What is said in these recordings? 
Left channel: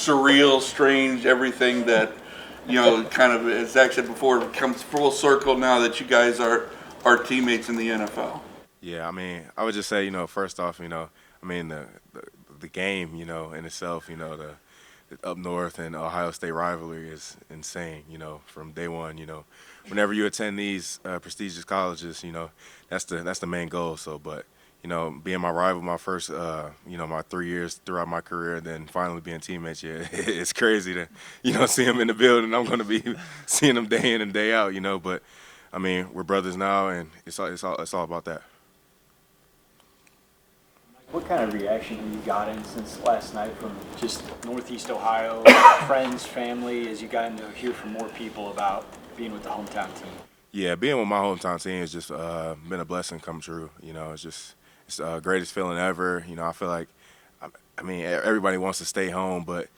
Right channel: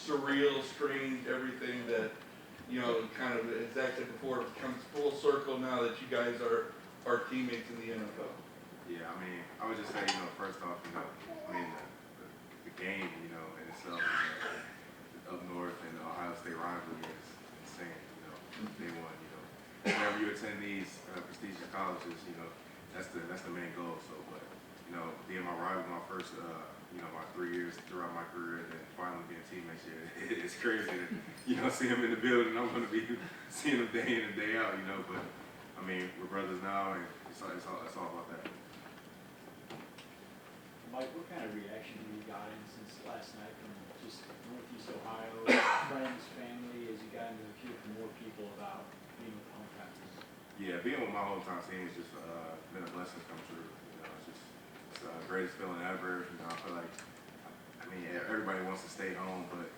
surreal, strange, everything that, kind of, as Zach said before, comes full circle now that you guys are teammates in the NFL? Yeah, I mean, I would just say, first off, I mean, the game, in itself, the up north and Ohio State rivalry is insane, from day one, whenever you attend these prestigious colleges, that's the main goal. So, but, being my rival my first, my 3 years throughout my career, then finally being teammates, yeah, it's crazy to, see them in the building. I'm going to be seeing them day in and day out, but, I mean, we're brothers now, and it's all about that. What kind of reaction have you gotten since last night from just Northeast Ohio, friends, family, as you gotten to hear from more people about being with the hometown team? Yeah, being with my hometown team has just been a blessing come true. It's the greatest feeling ever. I feel like, I mean, everybody wants to stay home, but,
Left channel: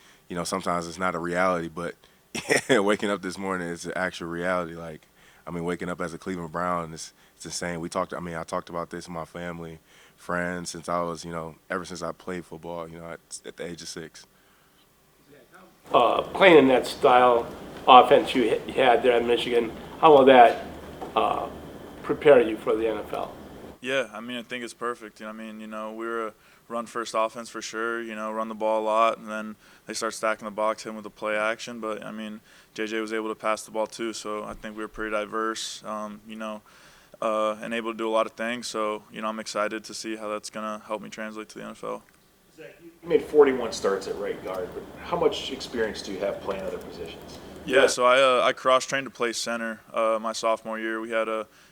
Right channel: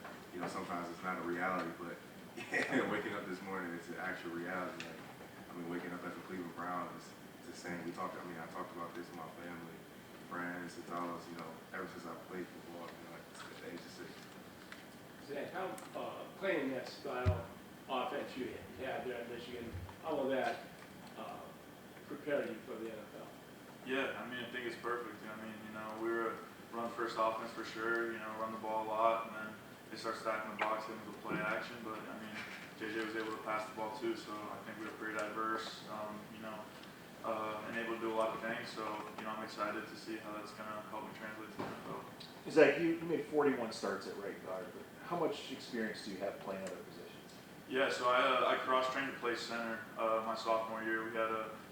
sometimes it's not a reality. But yeah, waking up this morning is an actual reality. Like, I mean, waking up as a Cleveland Brown, it's insane. I talked about this with my family, friends, since I was, ever since I played football, at the age of 6. Playing in that style offense you had there at Michigan, how will that prepare you for the NFL? Yeah, I mean, I think it's perfect. We were a run-first offense for sure, run the ball a lot, and then they start stacking the box, hitting with the play action. But, I mean, JJ was able to pass the ball too, so I think we were pretty diverse, and able to do a lot of things. So, I'm excited to see how that's going to help me translate to the NFL. Zach, you made 41 starts at right guard, but how much experience do you have playing other positions? Yeah, so I cross-trained to play center my sophomore year. We had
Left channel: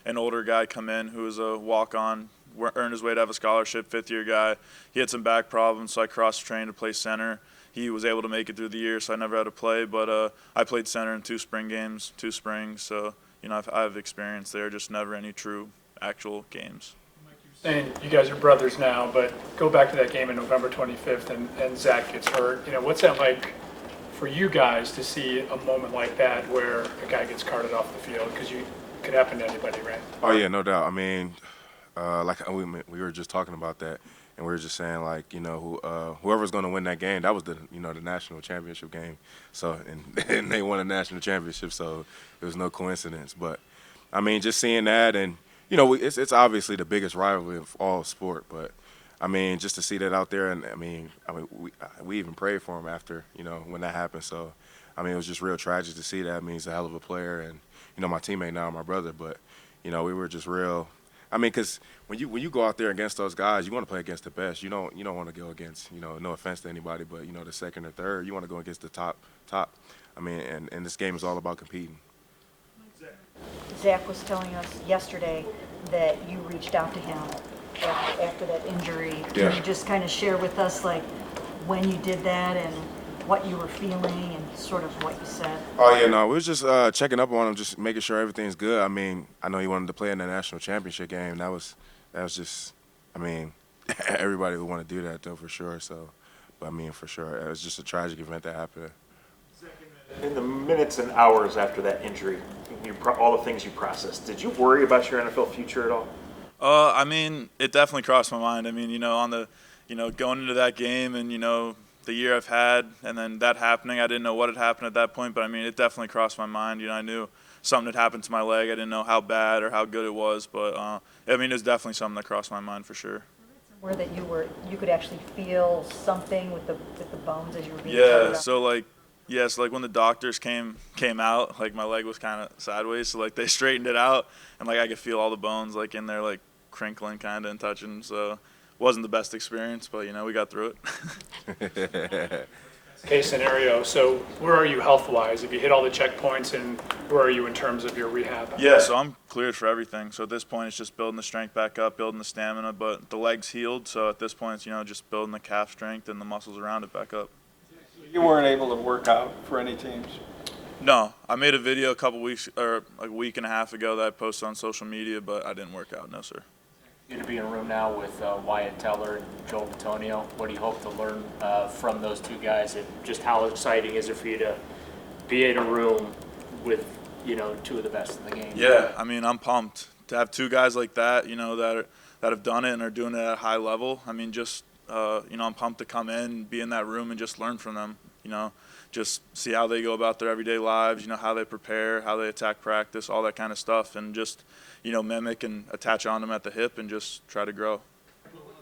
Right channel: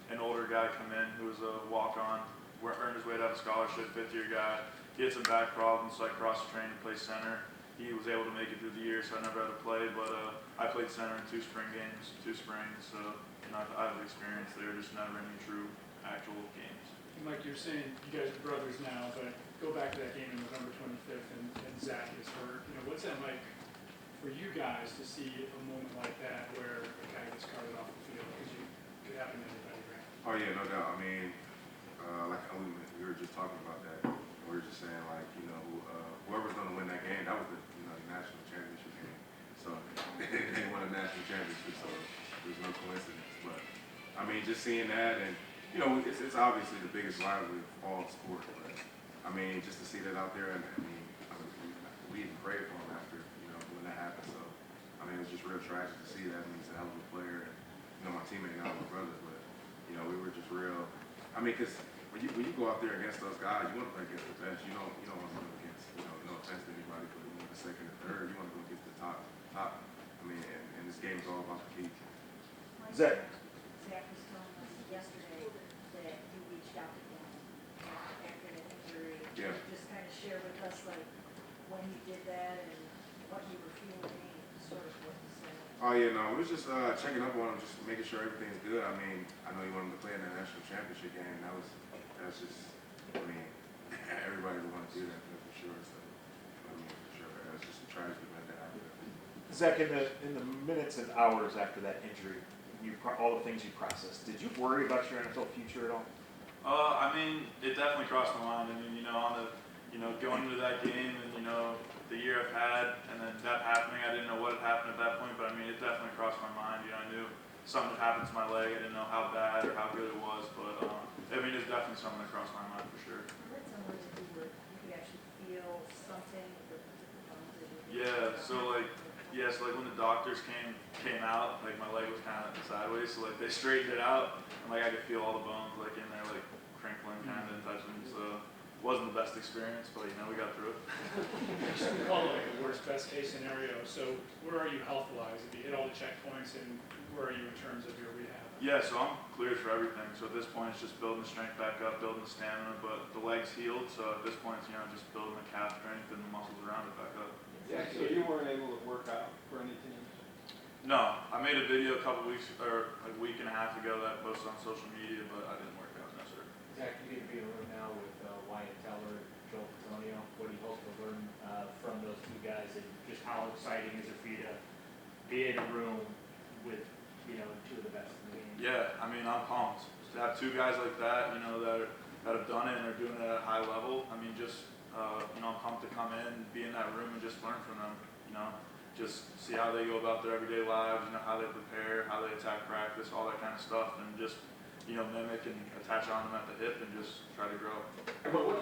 an older guy come in who was a walk-on, earned his way to have a scholarship, fifth-year guy. He had some back problems, so I cross-trained to play center. He was able to make it through the year, so I never had to play. But I played center in 2 spring games, 2 springs. So, I have experience there, just never any true actual games. Mike, you're saying you guys are brothers now, but go back to that game on November 25th and Zach gets hurt. What's that like for you guys to see a moment like that where a guy gets carted off the field? Because it could happen to anybody, right? Oh, yeah, no doubt. I mean, we were just talking about that, and we were just saying, like, whoever's going to win that game, that was the national championship game. So, and they won a national championship, so it was no coincidence. But, I mean, just seeing that, and, it's obviously the biggest rivalry of all sport, but, I mean, just to see that out there, and, I mean we even prayed for him after, when that happened. So, I mean, it was just real tragic to see that. I mean, he's a hell of a player, and, my teammate now, my brother, but, we were just real. I mean, because when you go out there against those guys, you want to play against the best. You don't want to go against, no offense to anybody, but, the second or third, you want to go against the top. I mean, and this game is all about competing. Zach was telling us yesterday that you reached out to him after that injury. Can you just kind of share with us, like, when you did that and what you were feeling and sort of what you said? Oh, yeah, no, we was just checking up on him, just making sure everything's good. I mean, I know he wanted to play in the national championship game. That was just, I mean, everybody would want to do that, though, for sure. So, but, I mean, for sure, it was just a tragic event that happened. Zach, in the minutes and hours after that injury, all the things you processed, did you worry about your NFL future at all? I mean, it definitely crossed my mind. I mean, on the, going into that game and, the year I've had and then that happening, I didn't know what had happened at that point, but I mean, it definitely crossed my mind. I knew something had happened to my leg. I didn't know how bad or how good it was, but I mean, it's definitely something that crossed my mind for sure. Where that you could actually feel something with the bones as you were being Yeah, so like when the doctors came out, like my leg was kind of sideways, so like they straightened it out, and like I could feel all the bones like in there like crinkling kind of and touching. So it wasn't the best experience, but we got through it. Best case scenario. So where are you health-wise? Have you hit all the checkpoints, and where are you in terms of your rehab? Yeah, so I'm cleared for everything. So at this point, it's just building the strength back up, building the stamina. But the leg's healed, so at this point, it's just building the calf strength and the muscles around it back up. You weren't able to work out for any teams? No, I made a video a couple weeks or a week and a half ago that I posted on social media, but I didn't work out. No, sir. You're going to be in a room now with Wyatt Teller and Joel Bitonio. What do you hope to learn from those two guys, and just how exciting is it for you to be in a room with two of the best in the game? Yeah, I mean, I'm pumped to have two guys like that, that have done it and are doing it at a high level. I mean, just I'm pumped to come in, be in that room, and just learn from them. you know, just see how they go about their everyday lives, you know, how they prepare, how they attack practice, all that kind of stuff, and just, you know, mimic and attach on them at the hip and just try to grow.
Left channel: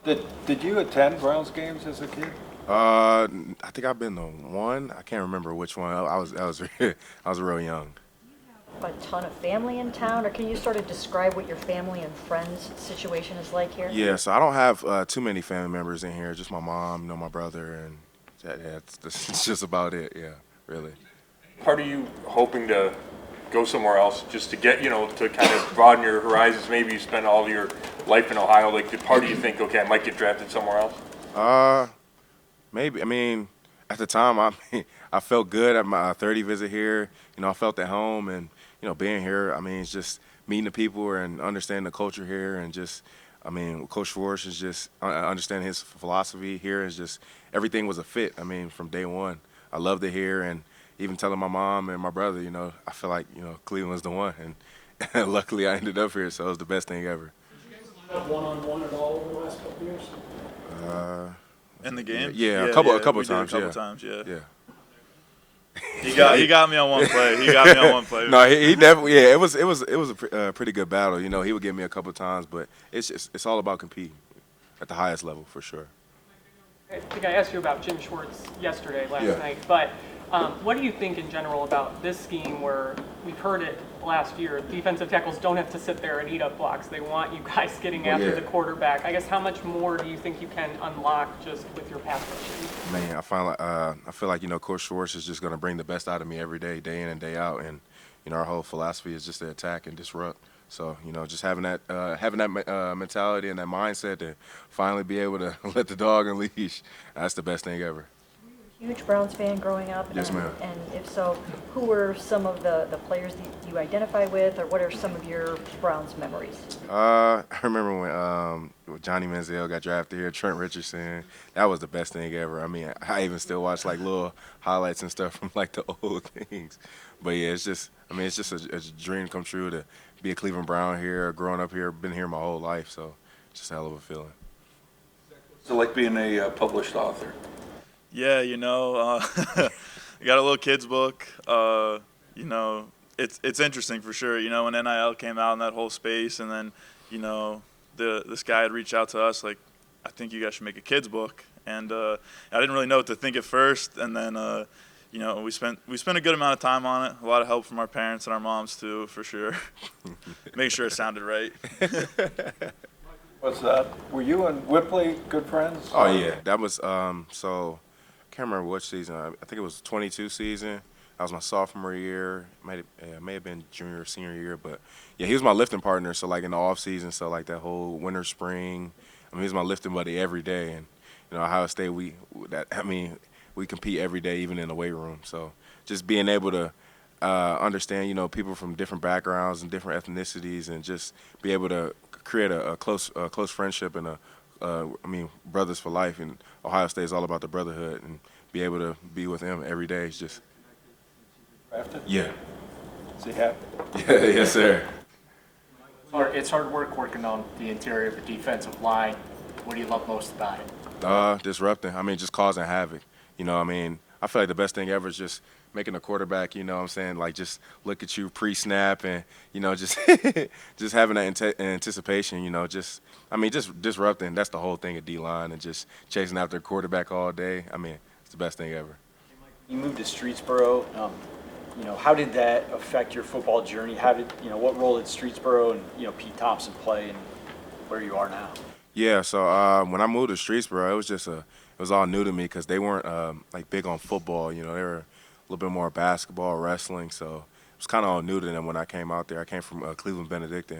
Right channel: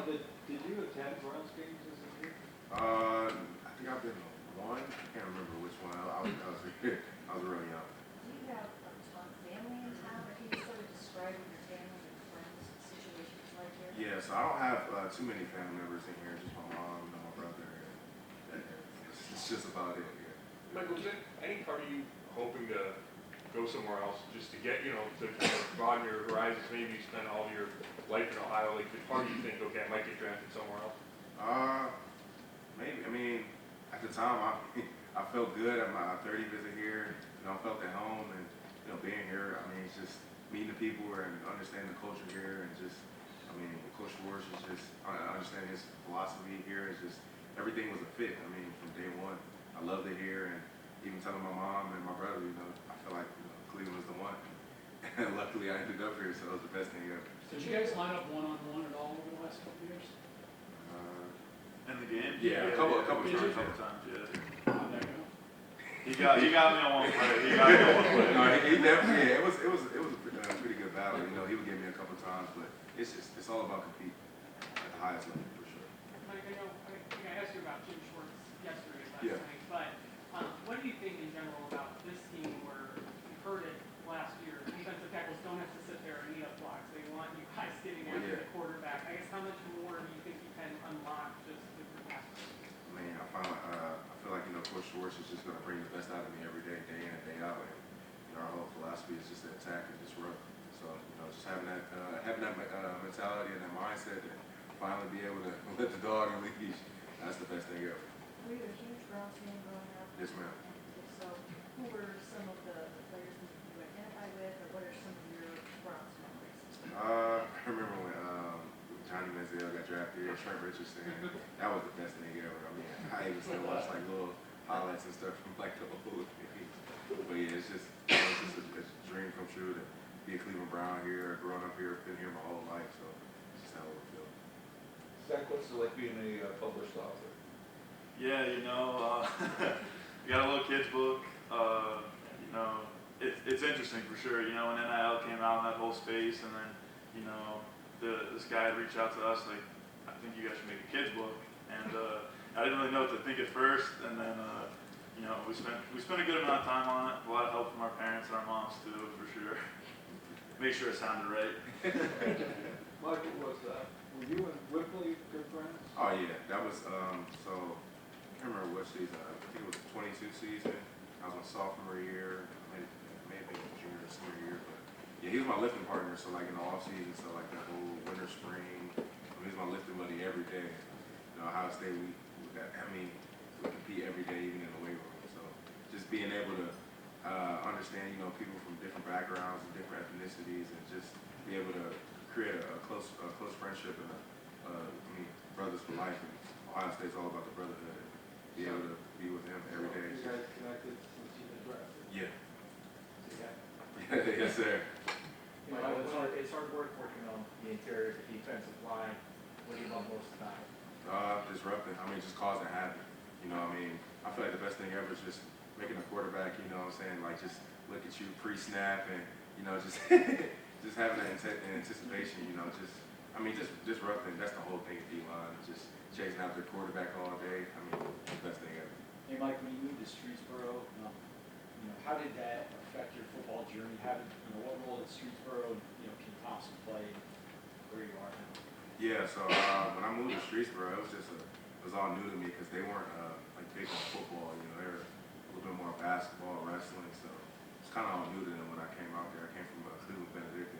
Did you attend Browns games as a kid? I think I've been to one. I can't remember which one. I was real young. A ton of family in town, or can you sort of describe what your family and friends situation is like here? Yeah, so I don't have too many family members in here. Just my mom, you know, my brother, and that's just about it. Yeah, really. Part of you hoping to go somewhere else just to get, you know, to kind of broaden your horizons? Maybe you spend all your life in Ohio. Like, did part of you think, okay, I might get drafted somewhere else? Maybe. I mean, at the time, I felt good at my 30 visit here. You know, I felt at home, and you know, being here, I mean, it's just meeting the people and understanding the culture here, and just, I mean, Coach Schwartz is just understanding his philosophy here is just everything was a fit. I mean, from day one, I loved it here, and even telling my mom and my brother, you know, I feel like, you know, Cleveland's the one, and luckily I ended up here, so it was the best thing ever. Did you guys line up one-on-one at all over the last couple of years? In the game? Yeah, a couple we did times. A couple times, yeah. Yeah. He got me on one play. He got me on one play. No, he definitely. Yeah, it was a pretty good battle. You know, he would get me a couple times, but it's all about competing at the highest level for sure. I think I asked you about Jim Schwartz yesterday, last Yeah. night, but what do you think in general about this scheme where we've heard it last year, defensive tackles don't have to sit there and eat up blocks. They want you guys getting after the quarterback. I guess how much more do you think you can unlock just with your pass rushing? Man, I feel like, you know, Coach Schwartz is just going to bring the best out of me every day, day in and day out. And, you know, our whole philosophy is just to attack and disrupt. So, you know, just having that mentality and that mindset to finally be able to let the dog on leash, that's the best thing ever. Were you a huge Browns fan growing up? Yes, ma'am. And if so, who were some of the players that you identify with, or what are some of your Browns memories? I remember when Johnny Manziel got drafted here, Trent Richardson. That was the best thing ever. I mean, I even still watch like little highlights and stuff from like the old things. But yeah, it's just a dream come true to be a Cleveland Brown here, growing up here, been here my whole life. So just a hell of a feeling. So like being a published author. Yeah, you know, we got a little kids book. You know, it's interesting for sure. You know, when NIL came out in that whole space, and then, you know, this guy had reached out to us like, I think you guys should make a kids book, and I didn't really know what to think at first, and then you know, we spent a good amount of time on it. A lot of help from our parents and our moms too, for sure. Make sure it sounded right. Were you and Whipley good friends? Oh yeah, that was so. I can't remember which season. I think it was the 22 season. That was my sophomore year. May have been junior or senior year, but yeah, he was my lifting partner. So like in the off season, so like that whole winter, spring. I mean, he was my lifting buddy every day, and you know, Ohio State, we compete every day, even in the weight room. So just being able to understand, you know, people from different backgrounds and different ethnicities, and just be able to create a close friendship and brothers for life. And Ohio State is all about the brotherhood, and be able to be with him every day is just. Yeah. Is he happy? Yeah, yes, sir. It's hard work working on the interior of the defensive line. What do you love most about it? Disrupting. I mean, just causing havoc. You know, I mean, I feel like the best thing ever is just making a quarterback, you know what I'm saying, like just look at you pre-snap and, you know, just just having that anticipation, you know, just disrupting. That's the whole thing at D-line, and just chasing after a quarterback all day. I mean, it's the best thing ever. Hey, Mike, you moved to Streetsboro. You know, how did that affect your football journey? What role did Streetsboro and, you know, Pete Thompson play in where you are now? Yeah, so when I moved to Streetsboro, it was all new to me because they weren't like big on football. You know, they were a little bit more basketball, wrestling. So it was kind of all new to them when I came out there. I came from Cleveland Benedictine.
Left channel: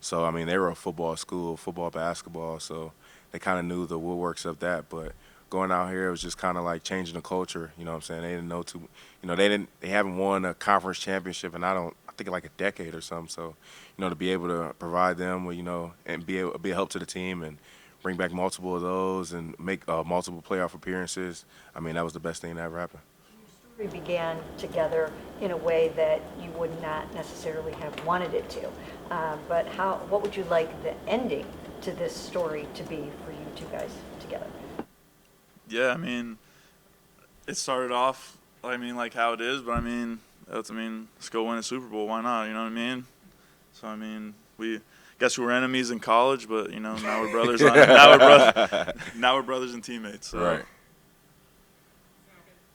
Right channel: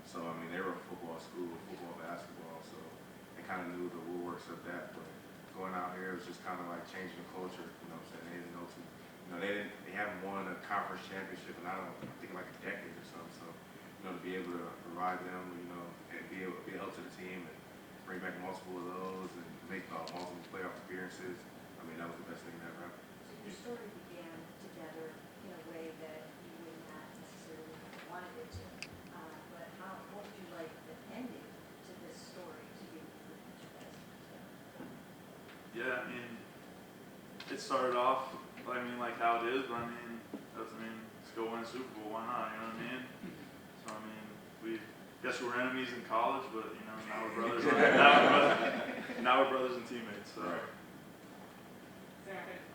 So, I mean, they were a football school, football, basketball. So they kind of knew the woodworks of that. But going out here, it was just kind of like changing the culture. You know what I'm saying? They didn't know too. You know, they haven't won a conference championship in I think like a decade or something. So, you know, to be able to provide them with, you know, and be a help to the team and bring back multiple of those and make multiple playoff appearances, I mean, that was the best thing that ever happened. Your story began together in a way that you would not necessarily have wanted it to. But what would you like the ending to this story to be for you two guys together? Yeah, I mean, it started off, I mean, like how it is, but I mean, let's go win a Super Bowl. Why not? You know what I mean? So I mean, guess we were enemies in college, but you know, now we're brothers. Now we're brothers and teammates. So. Right.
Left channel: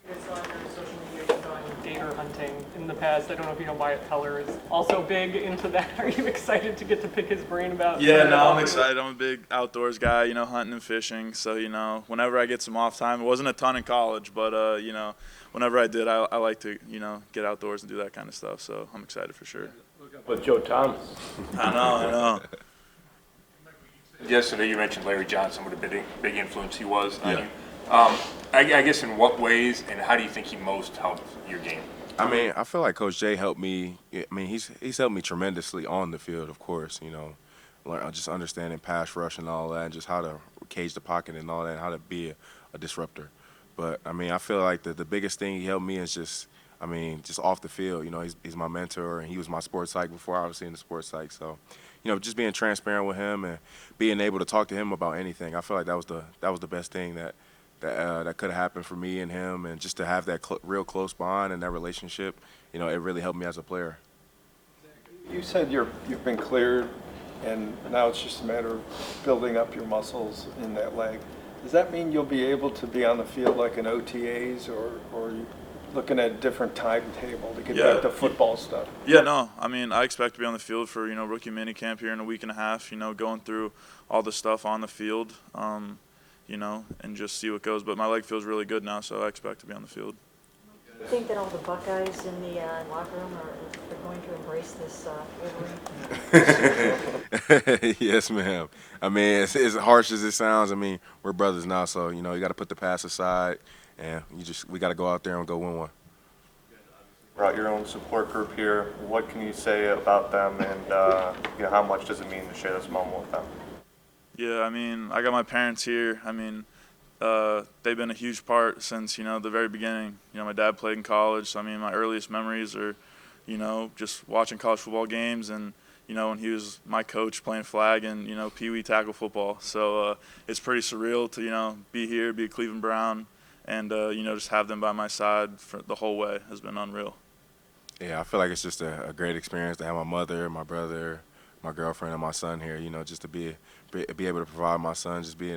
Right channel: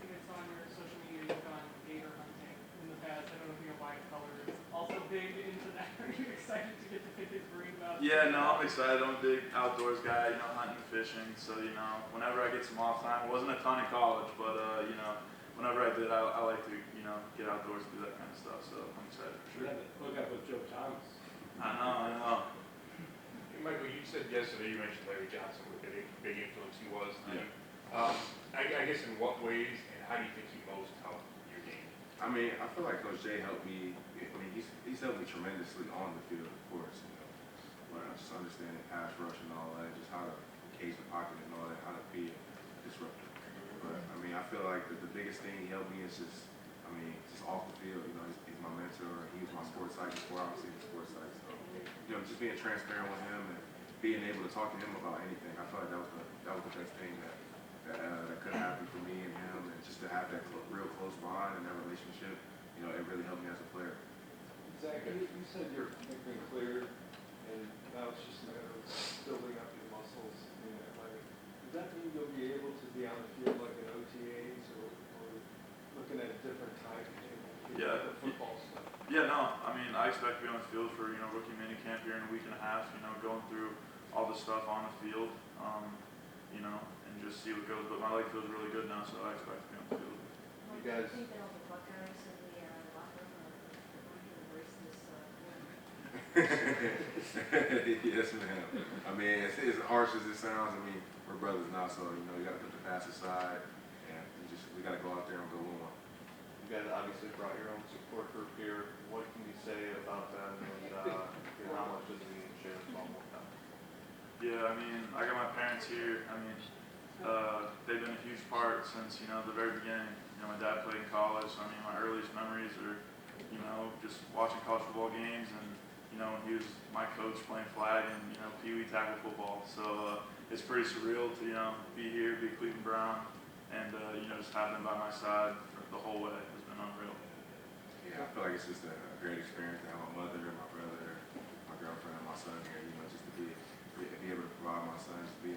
I saw on your social media you've gone gator hunting in the past. I don't know if you know Wyatt Teller is also big into that. Are you excited to get to pick his brain about? Yeah, no, I'm excited. I'm a big outdoors guy, you know, hunting and fishing. So, you know, whenever I get some off time, it wasn't a ton in college, but, you know, whenever I did, I like to, you know, get outdoors and do that kind of stuff. So I'm excited for sure. With Joe Thomas. I know. Yesterday you mentioned Larry Johnson, what a big influence he was on Yeah. you. I guess in what ways and how do you think he most helped your game? I mean, I feel like Coach Jay helped me. I mean, he's helped me tremendously on the field, of course. You know, just understanding pass rush and all that, and just how to cage the pocket and all that, and how to be a disruptor. But I mean, I feel like the biggest thing he helped me is just off the field. You know, he's my mentor, and he was my sports psych before I was in the sports psych. So, you know, just being transparent with him and being able to talk to him about anything, I feel like that was the best thing that could have happened for me and him, and just to have that real close bond and that relationship, you know, it really helped me as a player. You said you've been cleared, and now it's just a matter of building up your muscles in that leg. Does that mean you'll be able to be on the field like in OTAs, or are you looking at a different timetable to get back to football stuff? Yeah, no, I mean, I expect to be on the field for, you know, rookie minicamp here in a week and a half, you know, going through all the stuff on the field. You know, and just see what goes. But my leg feels really good now, so I expect to be on the field. I think that all the Buckeyes in the locker room are going to embrace this Wolverine. Yes, ma'am. I mean, as harsh as it sounds, I mean, we're brothers now, so, you know, you got to put the past aside, and we got to go out there and go win one. You guys obviously brought your own support group here. What can you say about them, and you know, how much does it mean to share this moment with them? Yeah, I mean, I got my parents here. I mean, they've been a huge part since, you know, the very beginning. You know, my dad played in college, so I mean, my earliest memories are, you know, just watching college football games and, you know, when he was my coach playing flag and, you know, Pee Wee tackle football. So it's pretty surreal to, you know, be here, be a Cleveland Brown, and, you know, just have them by my side for the whole way has been unreal. Yeah, I feel like it's just a great experience to have my mother, my brother, my girlfriend, and my son here, you know, just to be able to provide my son, just be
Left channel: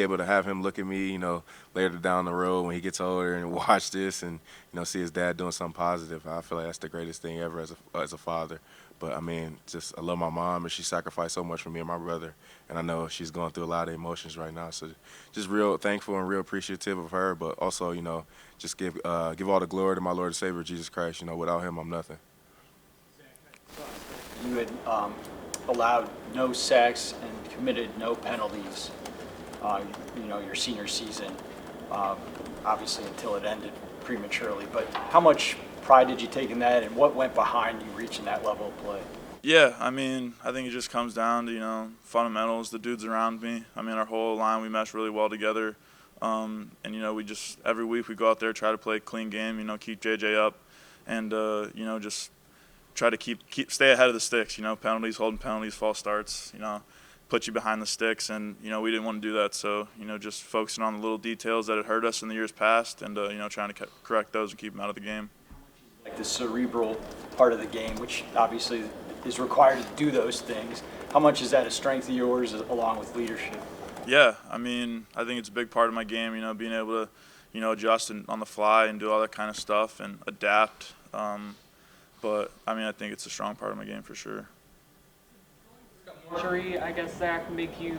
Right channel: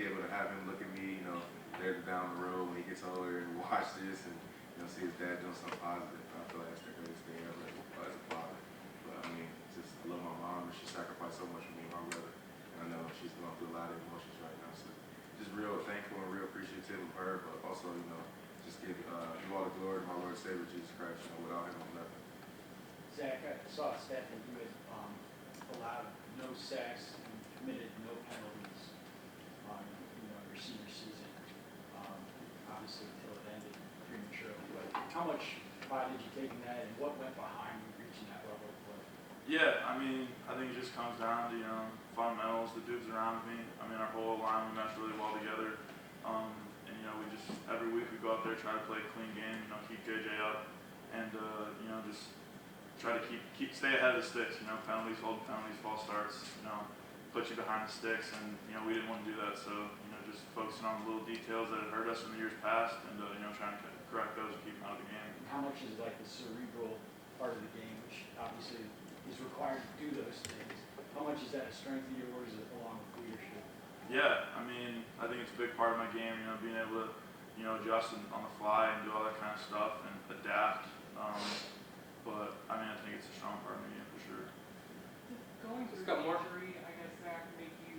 able to have him look at me, you know, later down the road when he gets older and watch this and, you know, see his dad doing something positive. I feel like that's the greatest thing ever as a father. But, I mean, just I love my mom, and she sacrificed so much for me and my brother, and I know she's going through a lot of emotions right now. So just real thankful and real appreciative of her, but also, you know, just give all the glory to my Lord and Savior, Jesus Christ. You know, without him, I'm nothing. You had allowed no sacks and committed no penalties, you know, your senior season, obviously until it ended prematurely. But how much pride did you take in that, and what went behind you reaching that level of play? Yeah, I mean, I think it just comes down to, you know, fundamentals, the dudes around me. I mean, our whole line, we mesh really well together. And, you know, we just, every week we go out there, try to play a clean game, you know, keep JJ up, and, you know, just try to stay ahead of the sticks, you know, penalties, holding penalties, false starts, you know, put you behind the sticks, and, you know, we didn't want to do that. So, you know, just focusing on the little details that had hurt us in the years past and, you know, trying to correct those and keep them out of the game. How much is like the cerebral part of the game, which obviously is required to do those things, how much is that a strength of yours along with leadership? Yeah, I mean, I think it's a big part of my game, you know, being able to, you know, adjust on the fly and do all that kind of stuff and adapt. But, I mean, I think it's a strong part of my game for sure. Injury, I guess, Zach, make you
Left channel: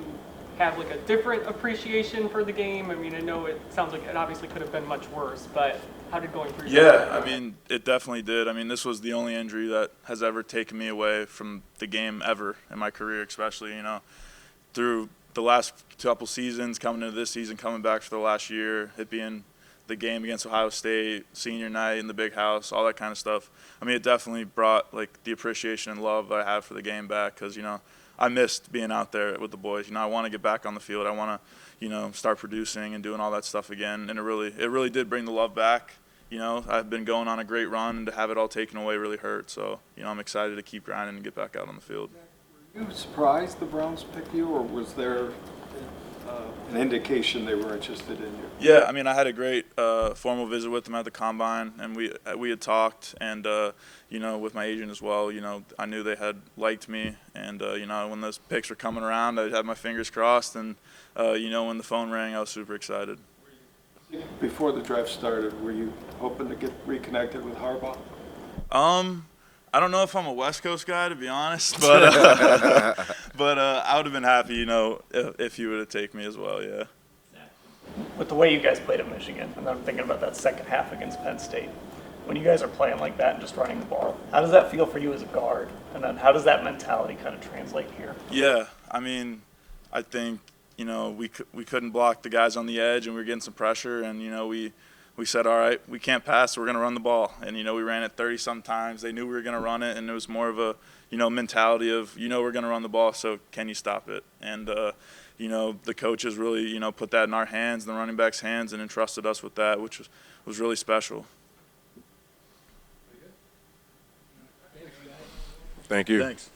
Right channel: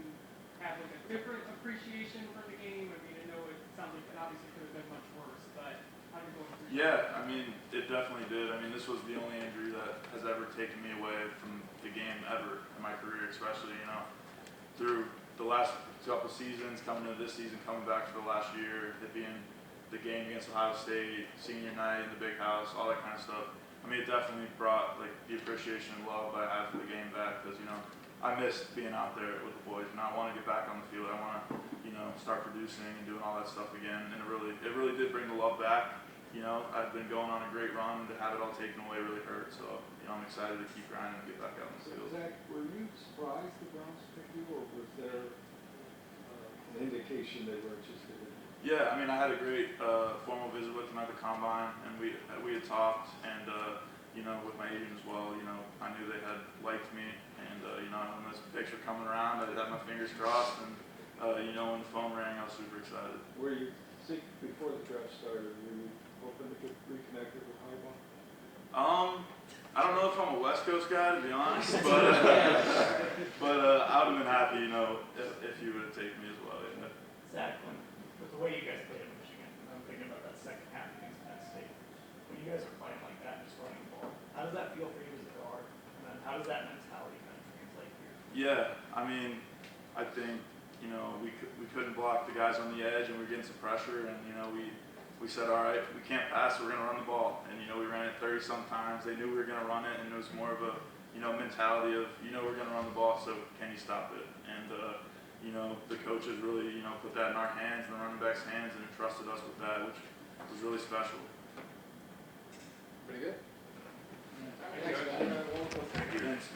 have like a different appreciation for the game? I mean, I know it sounds like it obviously could have been much worse, but how did going through? Yeah, I mean, it definitely did. I mean, this was the only injury that has ever taken me away from the game ever in my career, especially, you know, through the last couple seasons, coming into this season, coming back for the last year, it being the game against Ohio State, senior night in the big house, all that kind of stuff. I mean, it definitely brought like the appreciation and love that I have for the game back, because, you know, I missed being out there with the boys. You know, I want to get back on the field. I want to, you know, start producing and doing all that stuff again. And it really did bring the love back. You know, I've been going on a great run, and to have it all taken away really hurt. So, you know, I'm excited to keep grinding and get back out on the field. Were you surprised the Browns picked you, or was there an indication they were interested in you? Yeah, I mean, I had a great formal visit with them at the combine, and we had talked, and you know, with my agent as well. You know, I knew they had liked me, and you know, when those picks were coming around, I had my fingers crossed, and you know, when the phone rang, I was super excited. Were you, before the draft started, were you hoping to get reconnected with Harbaugh? I don't know if I'm a West Coast guy, to be honest, but I would have been happy, you know, if he would have taken me as well. Yeah. With the way you guys played at Michigan, and I'm thinking about that second half against Penn State, when you guys are playing like that and just running the ball, how does that feel for you as a guard? And then how does that mentality kind of translate here? Yeah, I mean, I think, you know, we couldn't block the guys on the edge, and we were getting some pressure, and, you know, we said, all right, we can't pass, so we're going to run the ball. And, you know, we ran it 30 sometimes. They knew we were going to run it, and it was more of a, you know, mentality of, you know, we're going to run the ball, so can you stop it? And, you know, the coaches really, you know, put that in our hands, the running backs' hands, and entrusted us with that, which was really special. Thank you. Thanks.